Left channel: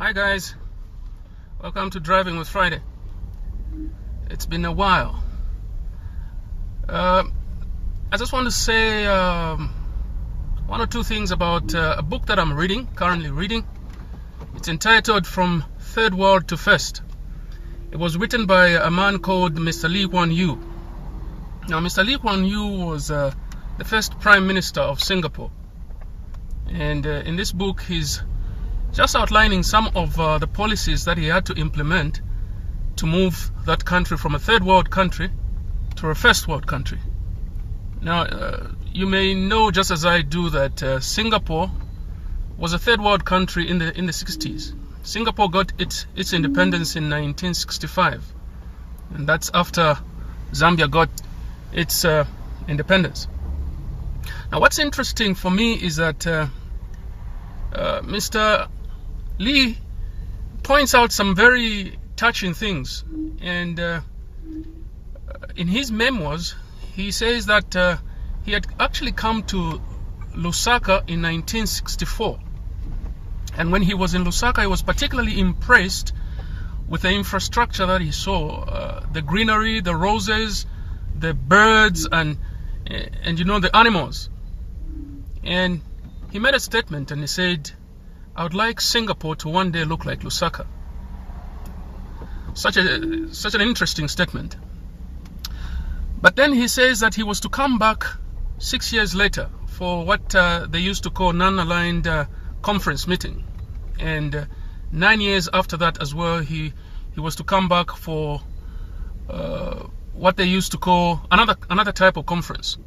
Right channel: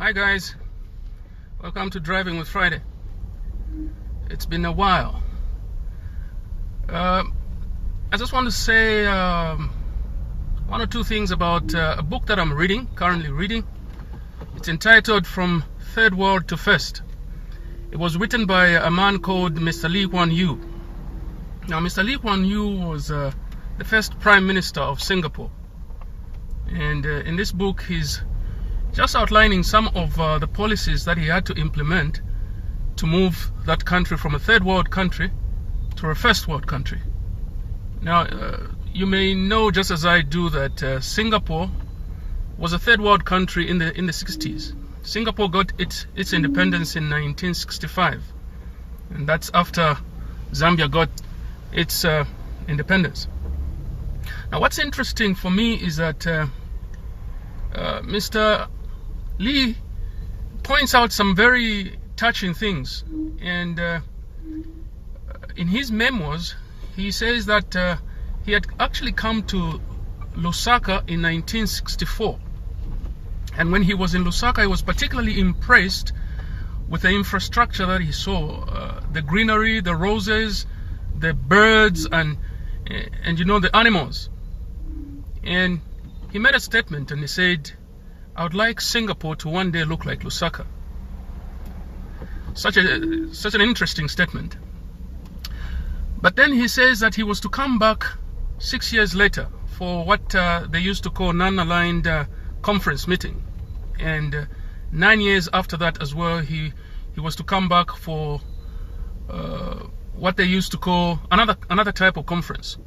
Hi guys, welcome to Driving with Friday. It's been a while. I just want to say one or two things about a book that I'm currently reading. It's entitled From Third World to First. It was written by a man called Mr. Lee Kuan Yew. Now, Mr. Lee Kuan Yew was the first Prime Minister of Singapore. And in this book, he's just outlining some of the policies that he had to implement to move that country from a third world country to a first world country. Now, you may know, just as I do, that Singapore was a third world country in the 60s. Singapore got its independence in 1965, and that's after Zambia got its independence. Now, what's interesting for me is that Mr. Lee points out some very touching things, and in his memoirs he says that he had actually come to Lusaka in 1964, and when he was in Lusaka he was particularly impressed with the infrastructure that he saw, the greenery, the roses, the birds, and you know, the animals. And he made a statement and he said, "I would like Singapore to one day look like Lusaka." Such an interesting statement. But then he says that he was to come back 6 years later for what they used to call non-aligned conference meeting, and 9 years after that as well, he was to come back for what they used to call another type of conference.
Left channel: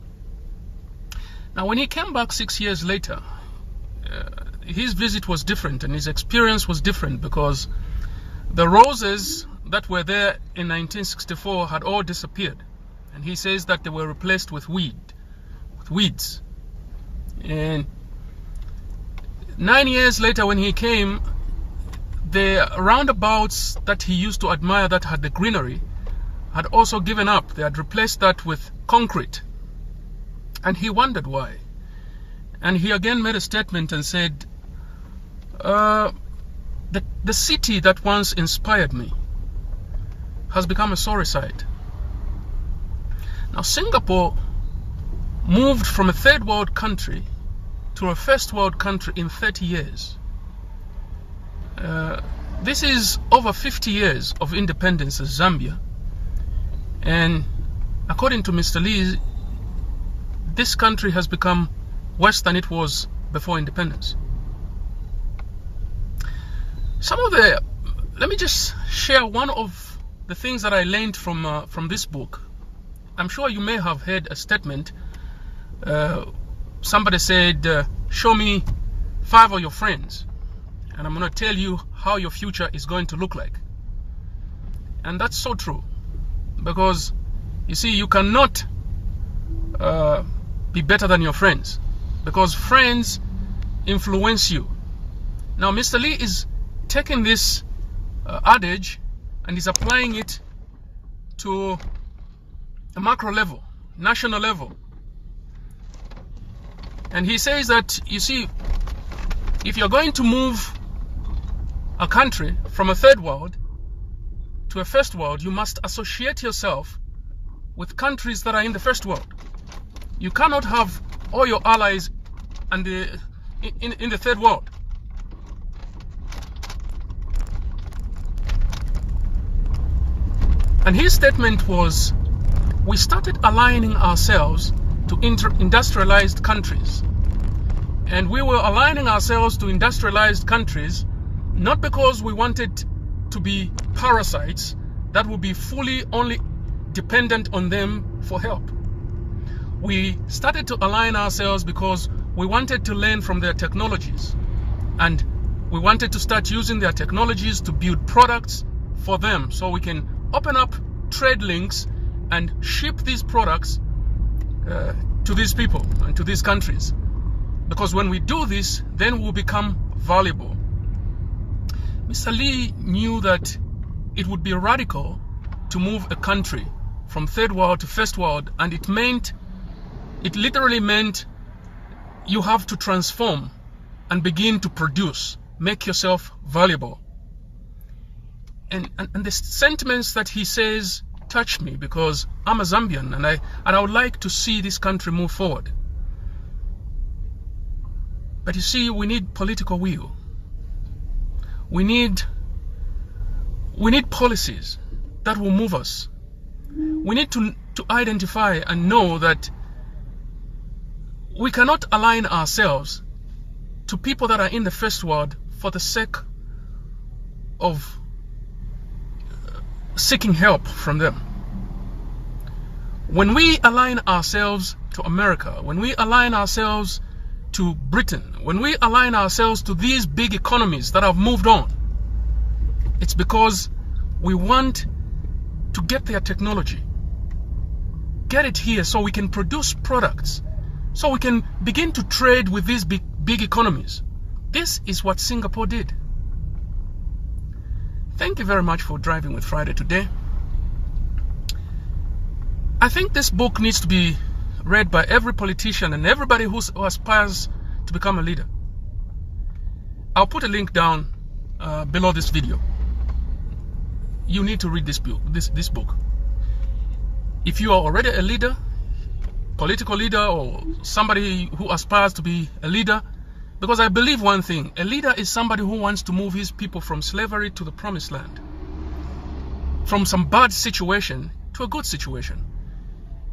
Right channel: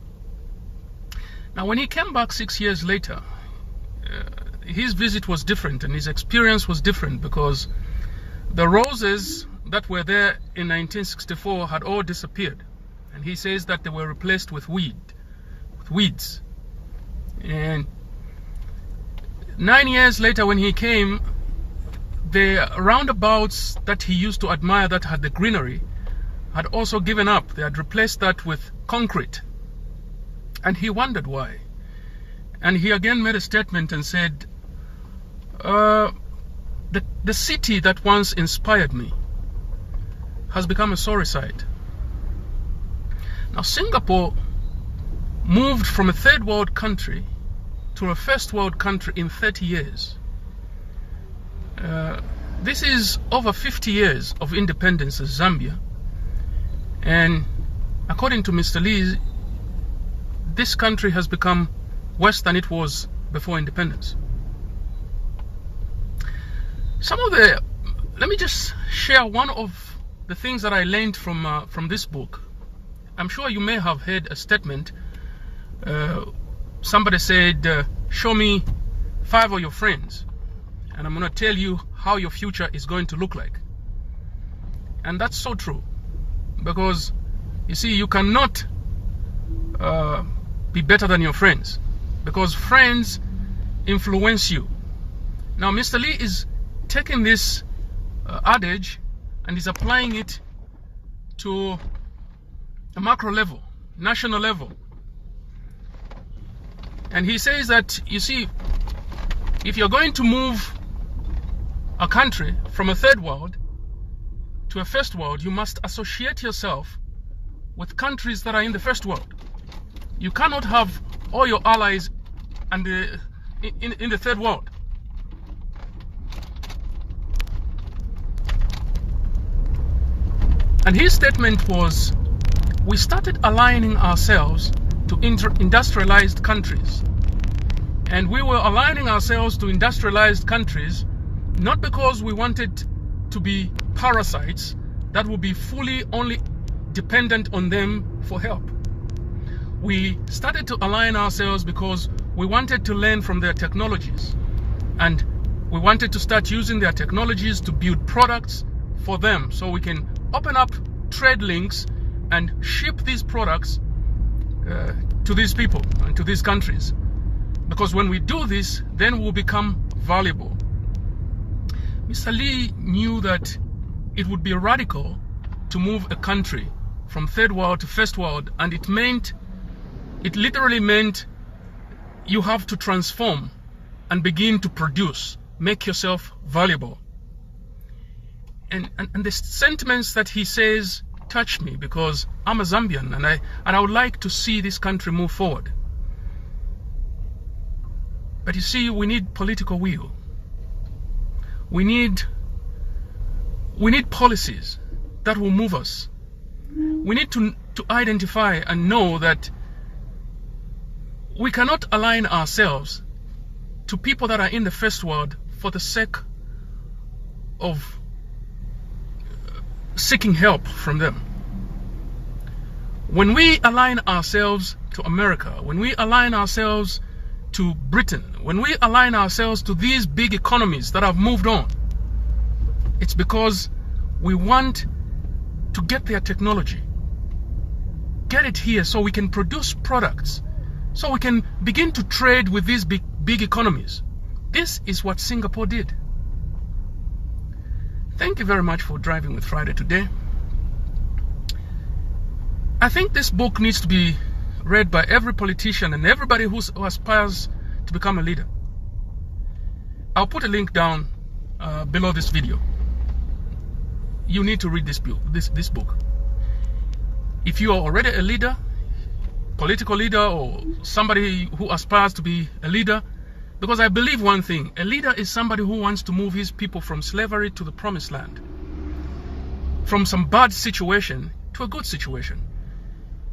Now, when he came back 6 years later, his visit was different and his experience was different, because the roses that were there in 1964 had all disappeared, and he says that they were replaced with weeds. And 9 years later, when he came, the roundabouts that he used to admire that had the greenery had also given up. They had replaced that with concrete, and he wondered why. And he again made a statement and said, the city that once inspired me has become a sorry sight. Now, Singapore moved from a third world country to a first world country in 30 years. This is over 50 years of independence as Zambia. And according to Mr. Lee, this country has become worse than it was before independence. Let me just share one of the things that I learned from this book. I'm sure you may have heard a statement. Somebody said, "Show me 5 of your friends, and I'm going to tell you how your future is going to look like." And that's so true, because you see, you cannot be better than your friends, because friends influence you. Now, Mr. Lee is taking this adage and is applying it to a macro level, national level. And he says that, you see, if you're going to move a country from a third world to a first world, you must associate yourself with countries that are in the first world. You cannot have all your allies in the third world. And his statement was, we started aligning ourselves to industrialized countries. And we were aligning ourselves to industrialized countries not because we wanted to be parasites that would be fully only dependent on them for help. We started to align ourselves because we wanted to learn from their technologies, and we wanted to start using their technologies to build products for them, so we can open up trade links and ship these products to these people and to these countries. Because when we do this, then we'll become valuable. Mr. Lee knew that it would be radical to move a country from third world to first world, and it literally meant you have to transform and begin to produce make yourself valuable. And the sentiments that he says touch me, because I'm a Zambian and I would like to see this country move forward. But you see, we need political will. We need policies that will move us. We need to identify and know that we cannot align ourselves to people that are in the first world for the sake of seeking help from them. When we align ourselves to America, when we align ourselves to Britain, when we align ourselves to these big economies that have moved on, it's because we want to get their technology, get it here so we can produce products, so we can begin to trade with these big economies. This is what Singapore did. Thank you very much for driving with Friday today. I think this book needs to be read by every politician and everybody who aspires to become a leader. I'll put a link down below this video. You need to read this book. If you are already a leader, political leader, or somebody who aspires to be a leader, because I believe one thing: a leader is somebody who wants to move his people from slavery to the promised land, from some bad situation to a good situation.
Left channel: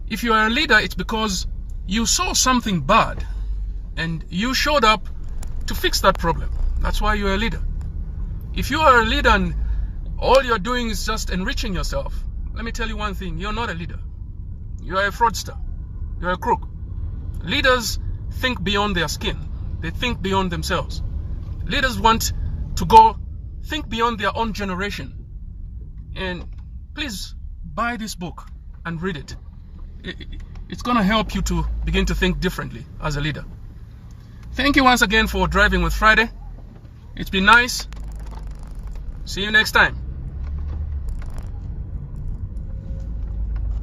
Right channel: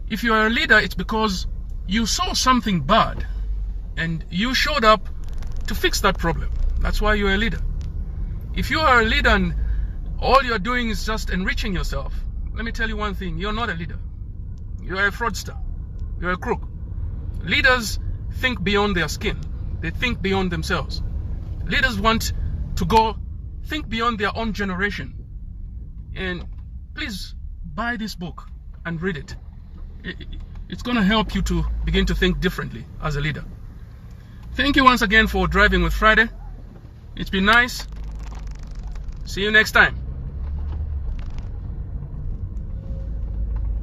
If you are a leader, it's because you saw something bad and you showed up to fix that problem. That's why you're a leader. If you are a leader and all you're doing is just enriching yourself, let me tell you one thing: you're not a leader. You're a fraudster. You're a crook. Leaders think beyond their skin. They think beyond themselves. Leaders want to think beyond their own generation. And please buy this book and read it. It's going to help you to begin to think differently as a leader. Thank you once again for driving with Friday. It's been nice. See you next time.